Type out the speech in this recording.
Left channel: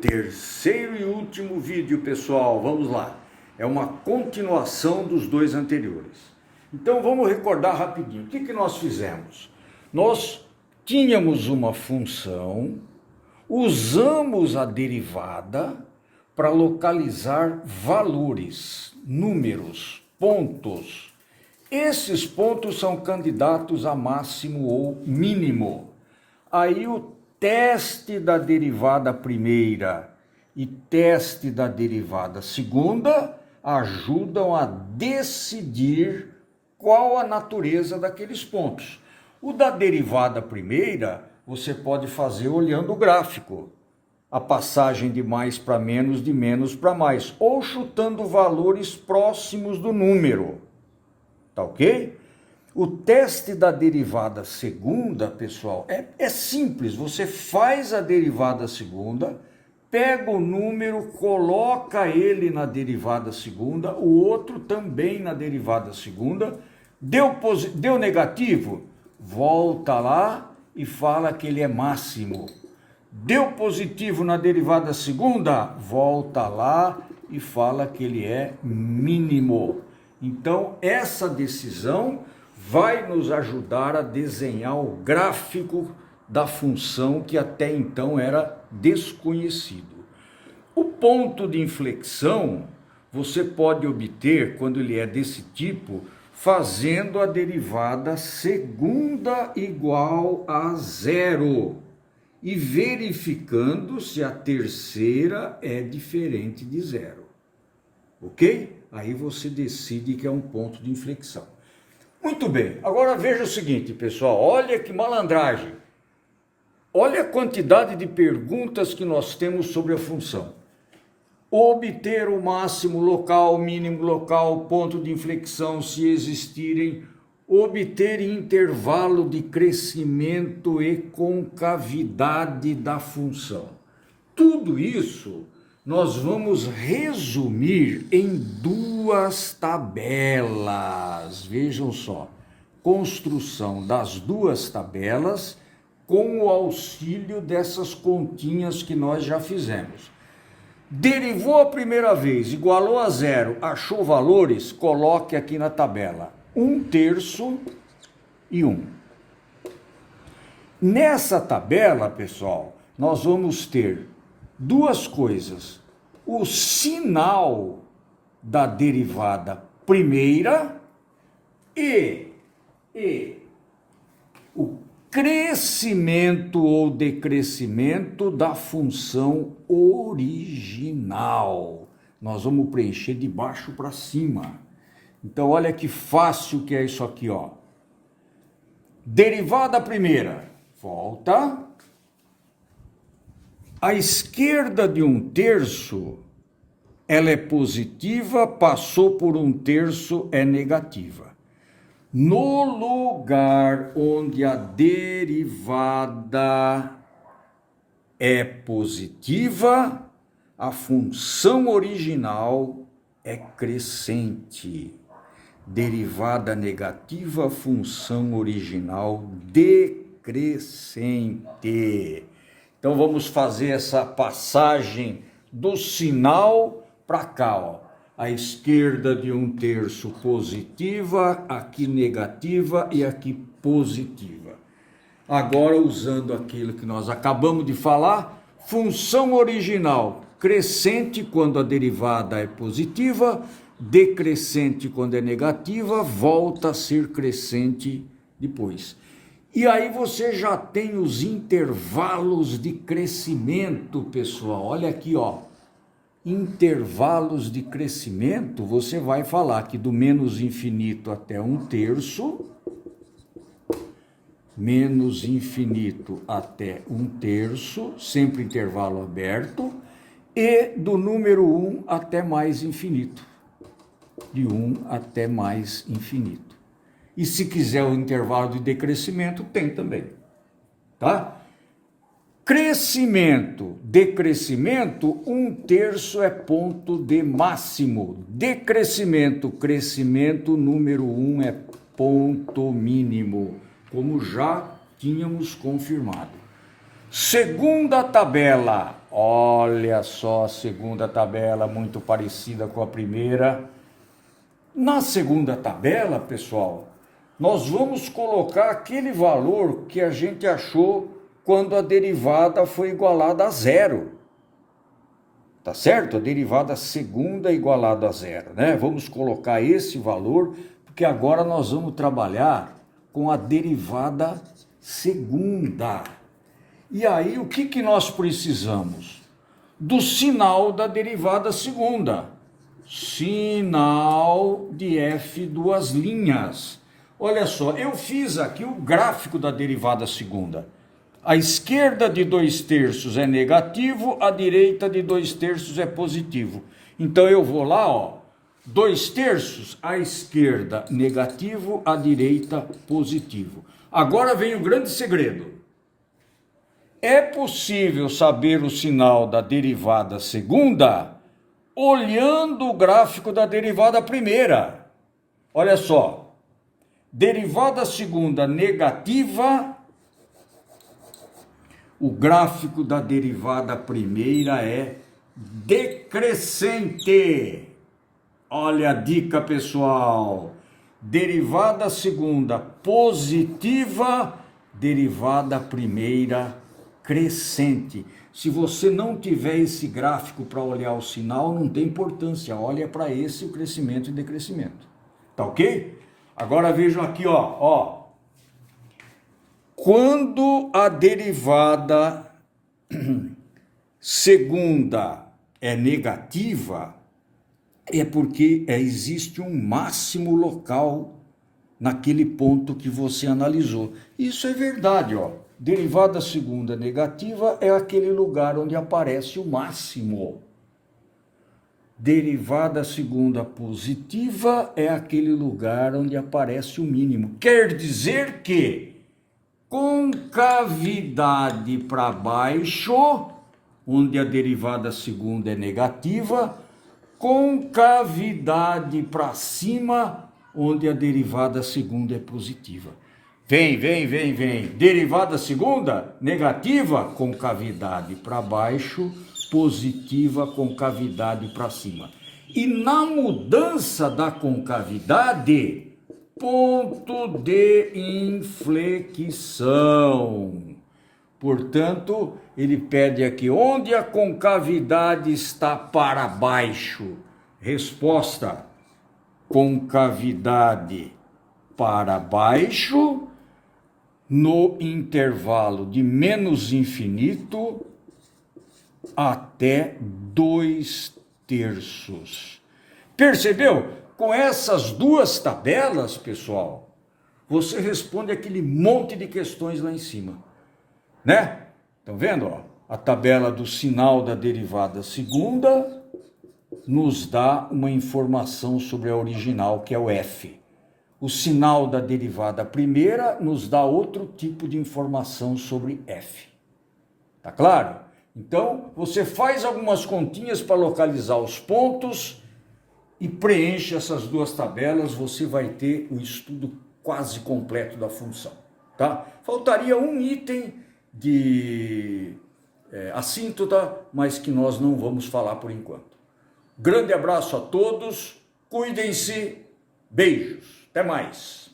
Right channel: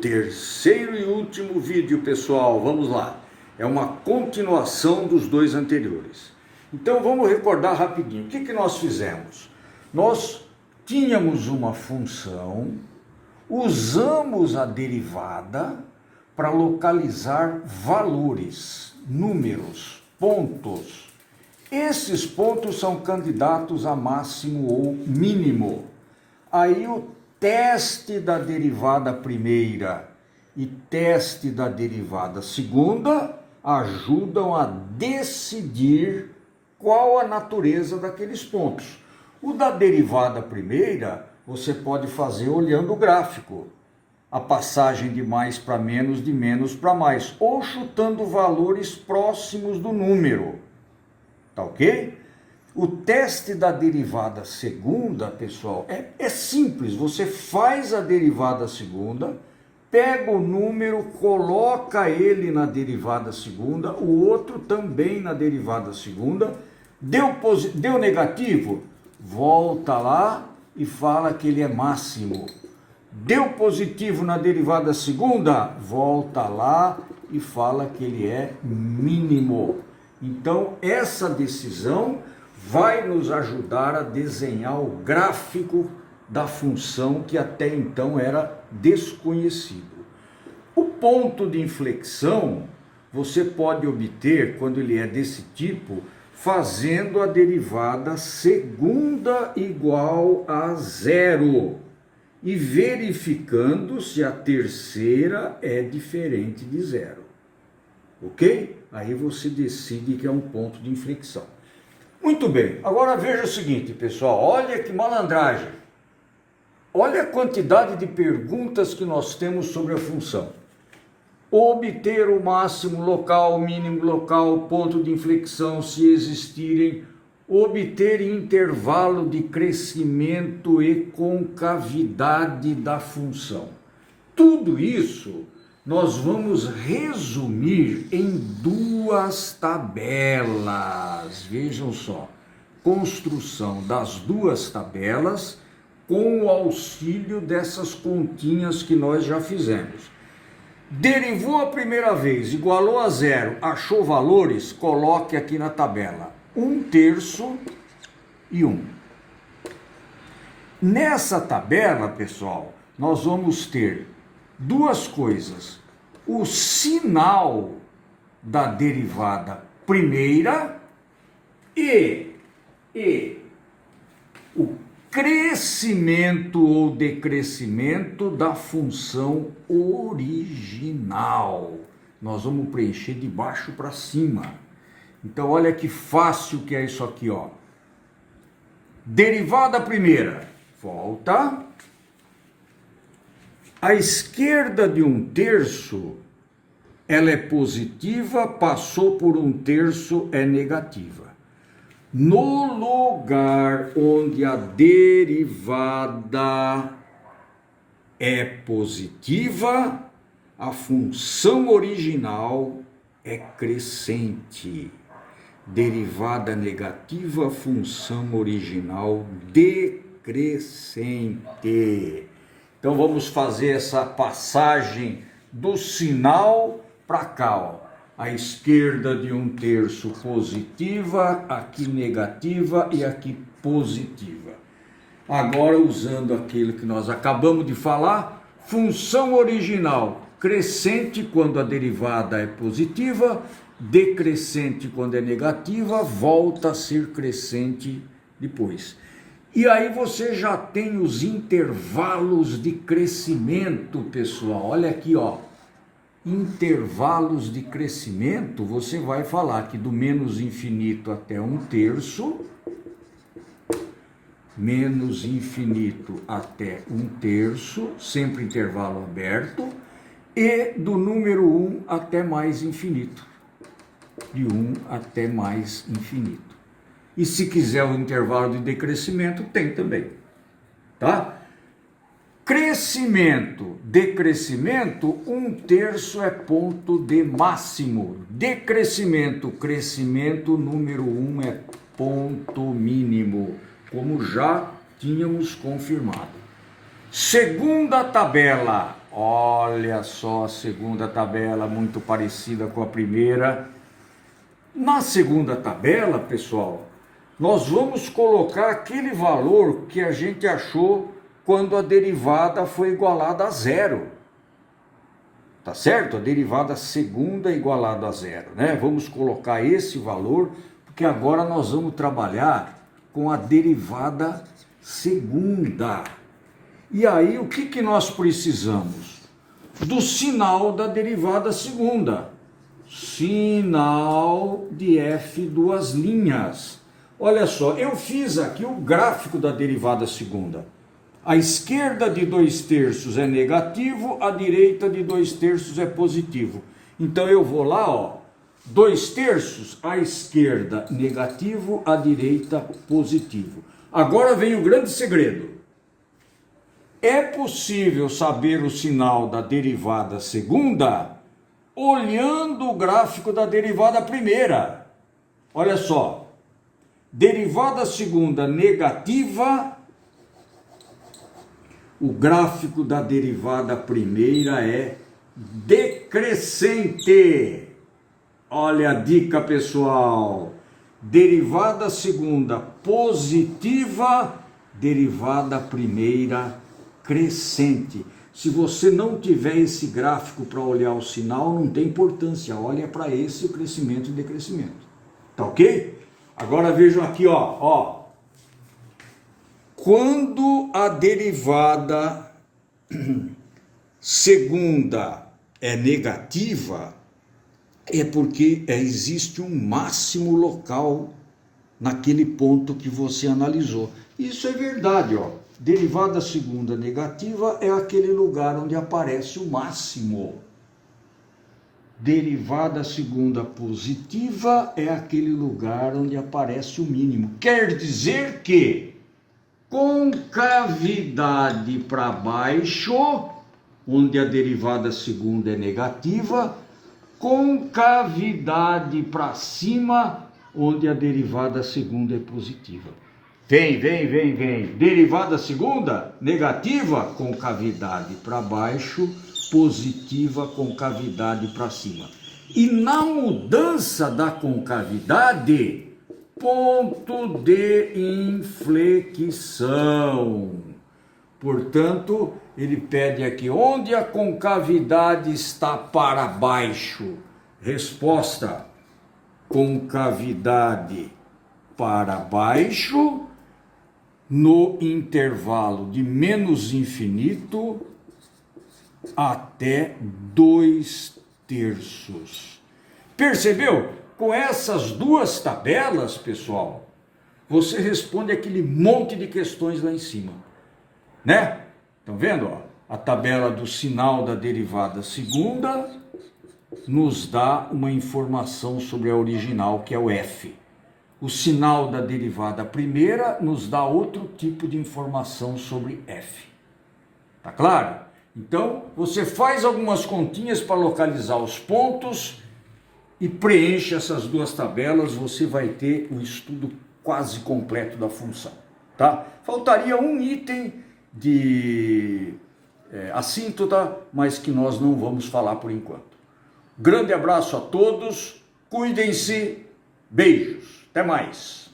Terceiro e último vídeo, pessoal, vamos lá. É uma continuação dos dois anteriores. Então vamos recordar rapidinho. O que nós fizemos? Nós tínhamos uma função, usamos a derivada para localizar valores, números, pontos. Esses pontos são candidatos a máximo ou mínimo. Aí o teste da derivada primeira e teste da derivada segunda ajudam a decidir qual a natureza daqueles pontos. O da derivada primeira você pode fazer olhando o gráfico, a passagem de mais para menos, de menos para mais, ou chutando valores próximos do número, tá ok? O teste da derivada segunda, pessoal, é simples. Você faz a derivada segunda, pega o número, coloca ele na derivada segunda, o outro também na derivada segunda, deu negativo, volta lá e fala que ele é máximo. Deu positivo na derivada segunda, volta lá e fala que ele é mínimo. Então, essa decisão vai nos ajudar a desenhar o gráfico da função que até então era desconhecido. O ponto de inflexão você pode obter, quando ele é desse tipo, fazendo a derivada segunda igual a zero e verificando se a terceira é diferente de zero. Ok? Aí você decide que é um ponto de inflexão. Muito bem, agora veja o seguinte, pessoal, olha que malandragem. Olha a quantidade de perguntas que nós temos sobre a função. Obter o máximo local, mínimo local, ponto de inflexão, se existirem. Obter intervalo de crescimento e concavidade da função. Tudo isso nós vamos resumir em duas tabelas. Vejam só, construção das duas tabelas com o auxílio dessas continhas que nós já fizemos. Derivou a primeira vez, igualou a zero, achou valores, coloque aqui na tabela 1/3 e 1. Nessa tabela, pessoal, nós vamos ter duas coisas. O sinal da derivada primeira e o crescimento ou decrescimento da função original. Nós vamos preencher de baixo para cima. Então, olha que fácil que é isso aqui, ó. Derivada primeira, volta. A esquerda de 1/3, ela é positiva, passou por 1/3, é negativa. No lugar onde a derivada é positiva, a função original é crescente. Derivada negativa, função original decrescente. Então vamos fazer essa passagem do sinal para cá, ó. A esquerda de 1/3 positiva, aqui negativa e aqui positiva. Agora, usando aquilo que nós acabamos de falar, função original crescente quando a derivada é positiva, decrescente quando é negativa, volta a ser crescente depois. E aí você já tem os intervalos de crescimento, pessoal. Olha aqui, ó. Intervalos de crescimento, você vai falar que do menos infinito até 1/3, menos infinito até 1/3, sempre intervalo aberto, e do número 1 até mais infinito, de 1 até mais infinito. E se quiser o intervalo de decrescimento, tem também, tá? Crescimento, decrescimento, 1/3 é ponto de máximo. Decrescimento, crescimento, número 1 é ponto mínimo, como já tínhamos confirmado. Segunda tabela, Olha só a segunda tabela, muito parecida com a primeira. Na segunda tabela, pessoal, nós vamos colocar aquele valor que a gente achou quando a derivada foi igualada a zero. Tá certo? A derivada segunda igualada a zero, né? Vamos colocar esse valor, porque agora nós vamos trabalhar com a derivada segunda. E aí, o que nós precisamos? Do sinal da derivada segunda. Sinal de f duas linhas. Olha só, eu fiz aqui o gráfico da derivada segunda. A esquerda de 2/3 é negativo, a direita de 2/3 é positivo. Então eu vou lá, ó, 2/3, a esquerda negativo, a direita positivo. Agora vem o grande segredo. É possível saber o sinal da derivada segunda olhando o gráfico da derivada primeira. Olha só, derivada segunda negativa, o gráfico da derivada primeira é decrescente. Olha a dica, pessoal. Derivada segunda positiva, derivada primeira crescente. Se você não tiver esse gráfico para olhar o sinal, não tem importância. Olha para esse o crescimento e decrescimento. Tá ok? Agora vejam aqui, ó. Quando a derivada segunda é negativa, é porque existe um máximo local naquele ponto que você analisou. Isso é verdade, ó. Derivada segunda negativa é aquele lugar onde aparece o máximo. Derivada segunda positiva é aquele lugar onde aparece o mínimo. Quer dizer que concavidade para baixo, onde a derivada segunda é negativa, concavidade para cima, onde a derivada segunda é positiva. Vem. Derivada segunda, negativa, concavidade para baixo, positiva, concavidade para cima. E na mudança da concavidade, ponto de inflexão. Portanto, ele pede aqui, onde a concavidade está para baixo? Resposta, concavidade para baixo, no intervalo de menos infinito até 2/3. Percebeu? Com essas duas tabelas, pessoal, você responde aquele monte de questões lá em cima, né? Estão vendo? Ó? A tabela do sinal da derivada segunda nos dá uma informação sobre a original, que é o f. O sinal da derivada primeira nos dá outro tipo de informação sobre f. Tá claro? Então, você faz algumas continhas para localizar os pontos e preenche essas duas tabelas, você vai ter o estudo quase completo da função, tá? Faltaria um item de assíntota, mas que nós não vamos falar por enquanto. Grande abraço a todos, cuidem-se, beijos, até mais.